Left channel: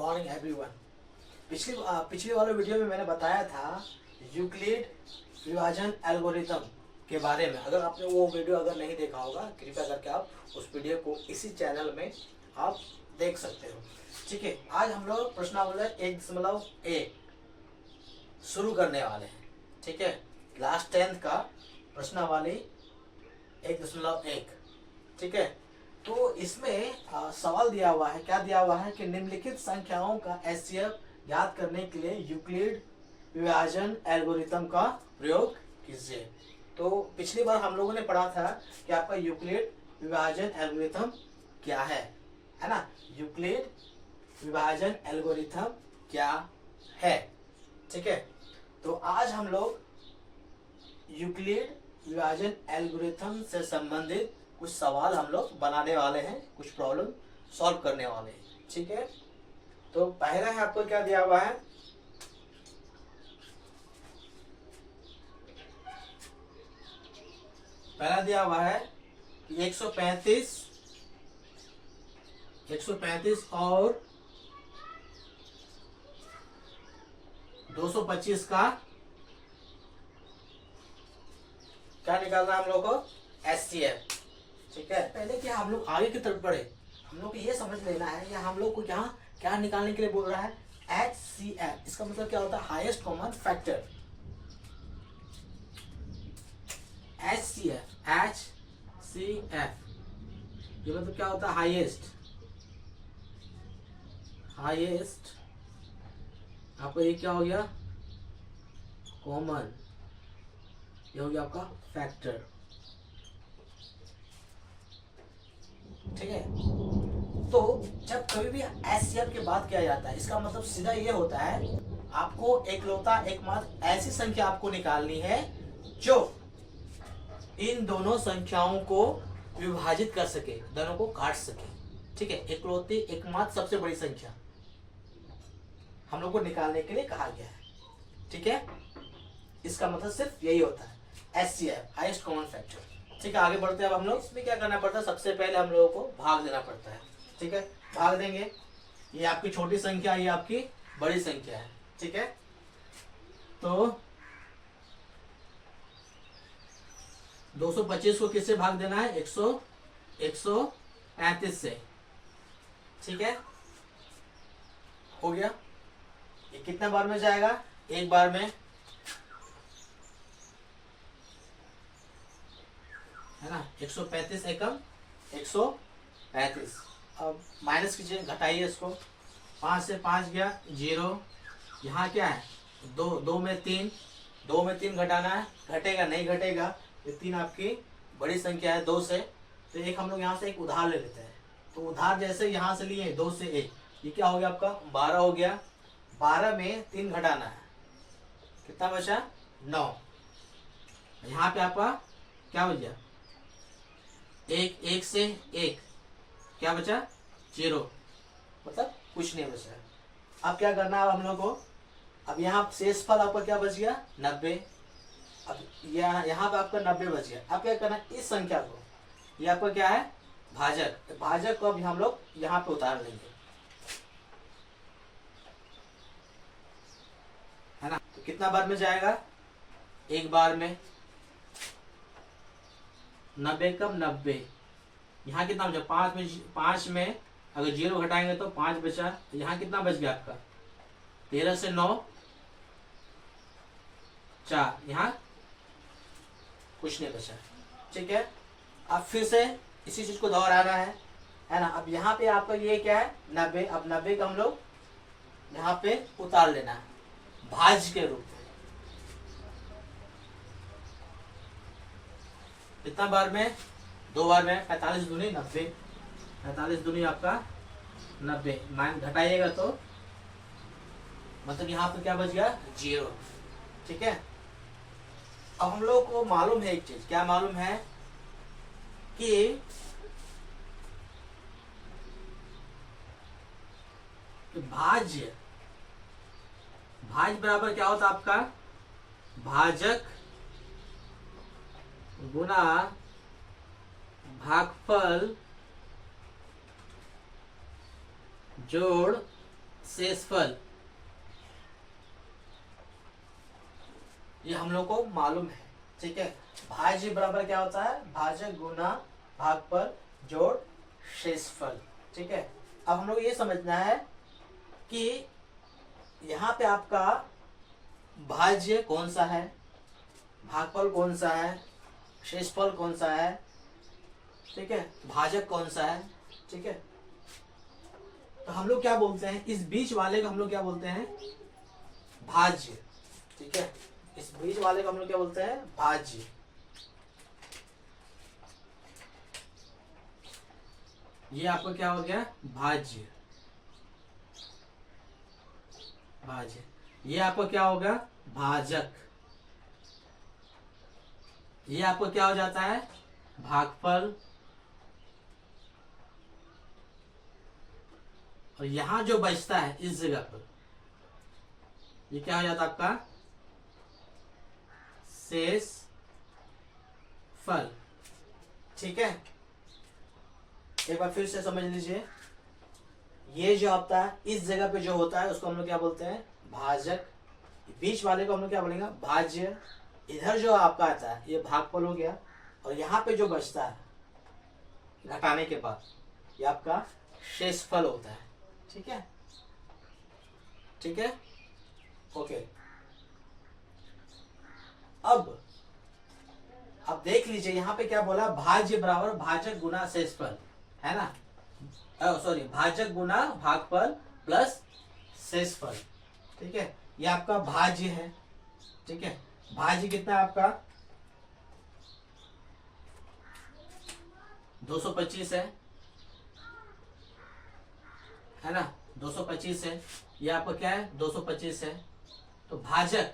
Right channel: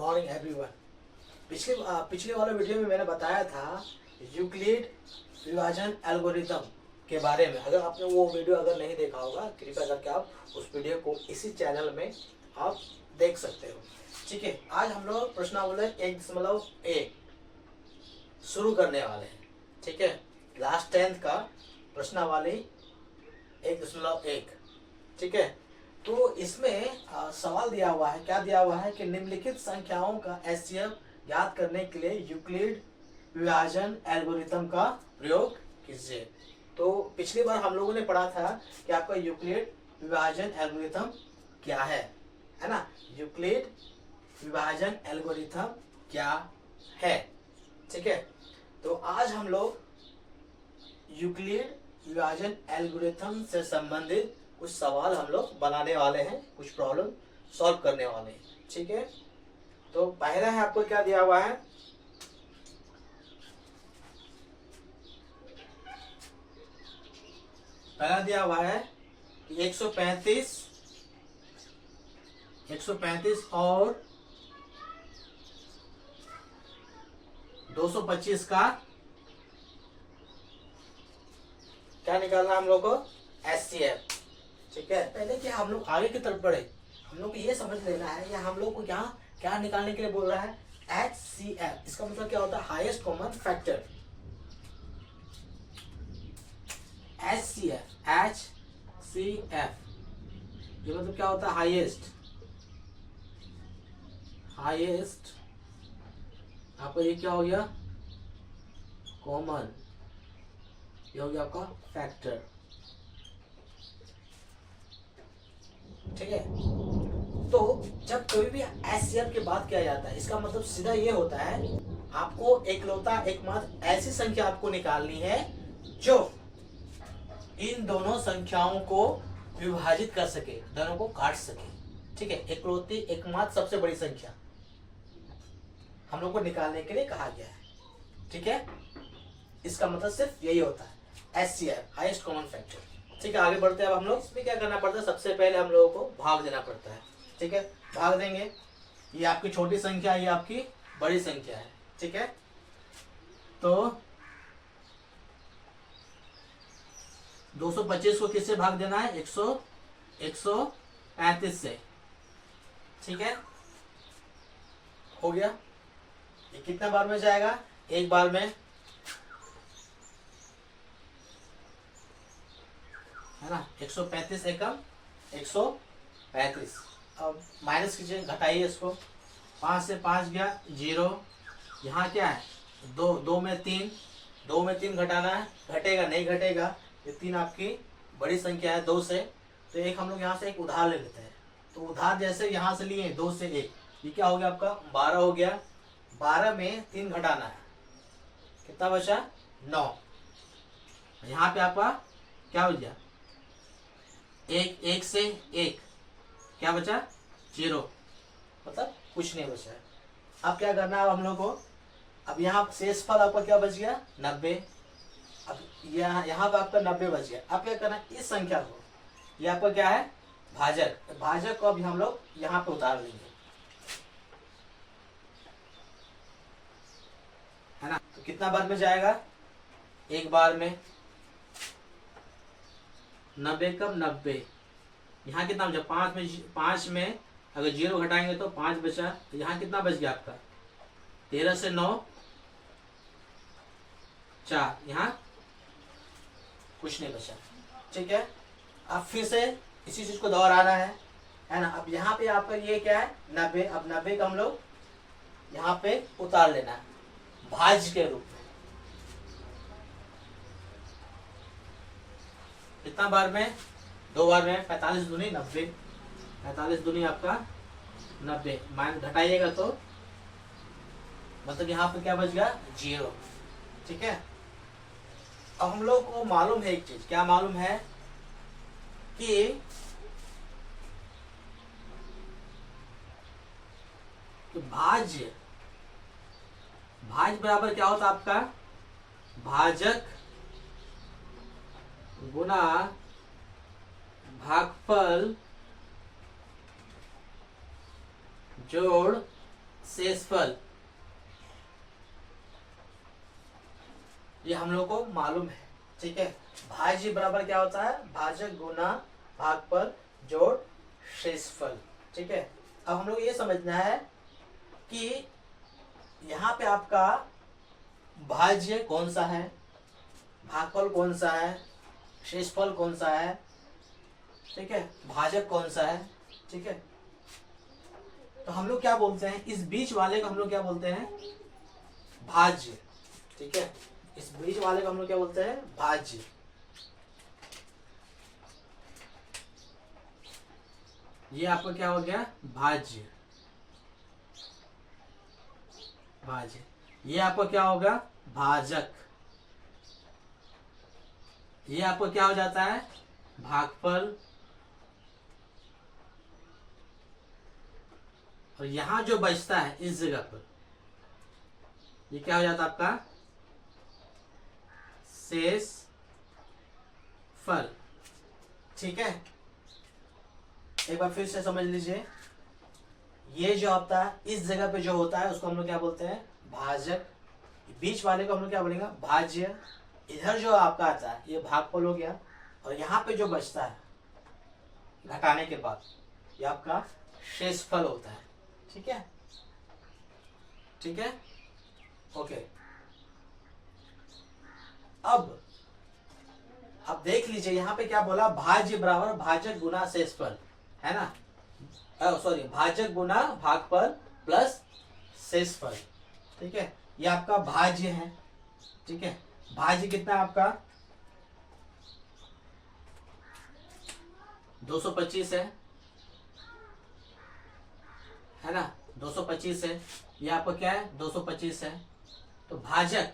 Morning everyone. पिछले वाले video में मैंने बताया था यूक्लिड विभाजन एल्गोरिथम के बारे में। अगर आपने वो वीडियो अगर नहीं देखा होगा, कृपया करके आप उस वीडियो को इसी चैनल में आप देख सकते हो। ठीक है, आज हम लोग प्रश्नावली 1.1 शुरू करने वाले हैं। ठीक है, क्लास 10th का प्रश्नावली 1.1। ठीक है, तो इसमें सवाल दिया हुआ है, क्या दिया हुआ है कि निम्नलिखित संख्याओं का एचसीएफ ज्ञात करने के लिए यूक्लिड विभाजन एल्गोरिथम का प्रयोग कीजिए। तो पिछली बार हम लोगों ने पढ़ा था कि आपका यूक्लिड विभाजन एल्गोरिथम क्या है ना। यूक्लिड विभाजन एल्गोरिथम क्या है। ठीक है, तो आज हम लोग यूक्लिड विभाजन एल्गोरिथम से संबंधित कुछ सवाल हम लोग बनाने वाले हैं, कुछ प्रॉब्लम सॉल्व करने वाले हैं। ठीक है, तो पहला है आपको क्या दिया हुआ है, पहला दिया हुआ है कि 135 और 225 का क्या निकालना है हम लोग को, एचसीएफ। ठीक है, पहले कि हम लोग आगे की तरफ बढ़े, हम लोग को ये समझ लेना है कि हम लोग को यहाँ क्या निकालने के लिए बोल रहा है, एचसीएफ। इसका मतलब क्या होता है, हाईएस्ट कॉमन फैक्टर। एचसीएफ ये मतलब क्या होता है, हाईएस्ट यहाँ पर ये क्या हो गया, कॉमन, ये हो गया आपका फैक्टर। ठीक है, तो जब कभी भी एचसीएफ की बात किया जाता है, इसका मतलब सीधा ये होता है, आपको एकमात्र ऐसी संख्या आपको निकालनी है जो इन दोनों संख्याओं को विभाजित कर सके, दोनों को काट सके। ठीक है, एकमात्र सबसे बड़ी संख्या हम लोग को निकालने के लिए कहा गया है। ठीक है, इसका मतलब सिर्फ यही होता है, एचसीएफ, हाईएस्ट कॉमन फैक्टर। ठीक है, आगे बढ़ते हैं। अब हम लोग इसमें क्या करना पड़ता है, सबसे पहले हम लोगों को भाग देना पड़ता है। ठीक है, भाग देंगे, ये आपकी छोटी संख्या, ये आपकी बड़ी संख्या है। ठीक है, तो 225 को किससे भाग देना है, 135 से। ठीक है, हो गया। ये कितने बार में जाएगा, एक बार में, है ना। 135 एकम 135। अब माइनस कीजिए, घटाइए इसको, 5 से 5 गया 0। यहाँ क्या है, 2 में 3 घटाना है, घटेगा नहीं घटेगा, ये 3 आपकी बड़ी संख्या है 2 से। तो एक हम लोग यहाँ से एक उधार ले लेते हैं। तो उधार जैसे यहाँ से लिए 2 से 1, ये क्या हो गया आपका 12 हो गया। 12 में 3 घटाना है, कितना बचा, 9। यहाँ पे आपका क्या हो गया, 1 से 1 क्या बचा, 0, मतलब कुछ नहीं बचा है। अब क्या करना है हम लोग को, अब यहाँ शेषफल आपका क्या बच गया, 90। अब यहाँ पे आपका 90 बच गया। अब क्या करना है, इस संख्या को, ये आपका क्या है, भाजक को अभी हम लोग यहाँ पे उतार लेंगे, है ना। तो कितना बार में जाएगा, एक बार में। 90 कब, 90, यहाँ कितना बचा, 5 में अगर 0 घटाएंगे तो 5 बचा। तो यहाँ कितना बच गया आपका, 13 से 9 4, यहाँ कुछ नहीं बचा। ठीक है, अब फिर से इसी चीज को दोहराना है ना। अब यहाँ पे आपका ये क्या है, 90। अब 90 का हम लोग यहाँ पे उतार लेना है भाज्य के रूप में। कितना बार में, 2 बार में। 45 दूनी 90, 45 दूनी आपका 90, मान घटाइएगा तो मतलब यहाँ पे क्या बच गया, 0। ठीक है, अब हम लोग को मालूम है एक चीज, क्या मालूम है कि भाज्य बराबर क्या होता है आपका, भाजक गुना भागफल जोड़ शेषफल, ये हम लोग को मालूम है, ठीक है। भाज्य बराबर क्या होता है, भाजक गुना भागफल जोड़ शेषफल, ठीक है। अब हम लोग ये समझना है कि यहाँ पे आपका भाज्य कौन सा है, भागफल कौन सा है, शेषफल कौन सा है, ठीक है, भाजक कौन सा है, ठीक है। तो हम लोग क्या बोलते हैं, इस बीच वाले को हम लोग क्या बोलते हैं, भाज्य, ठीक है। इस बीच वाले को हम लोग क्या बोलते हैं, भाज्य। ये आपको क्या हो गया, भाज्य, भाज्य। ये आपको क्या होगा, भाजक। ये आपको क्या हो जाता है, भागफल। और यहां जो बचता है इस जगह पर, ये क्या हो जाता है आपका, शेष फल, ठीक है। एक बार फिर से समझ लीजिए, ये जो होता है इस जगह पे जो होता है उसको हम लोग क्या बोलते हैं, भाजक। बीच वाले को हम लोग क्या बोलेंगे, भाज्य। इधर जो आपका आता है ये भागफल हो गया, और यहाँ पे जो बचता है घटाने के बाद ये आपका शेषफल होता है, ठीक है, ठीक है, ओके। अब आप देख लीजिए यहाँ पे क्या बोला, भाज्य बराबर भाजक गुना शेषफल, है ना, सॉरी, भाजक गुना भागफल प्लस शेषफल, ठीक है। ये आपका भाज्य है, ठीक है। भाज्य कितना है आपका, 225 है ना, 225 है। ये आपका क्या है, 225 है। तो भाजक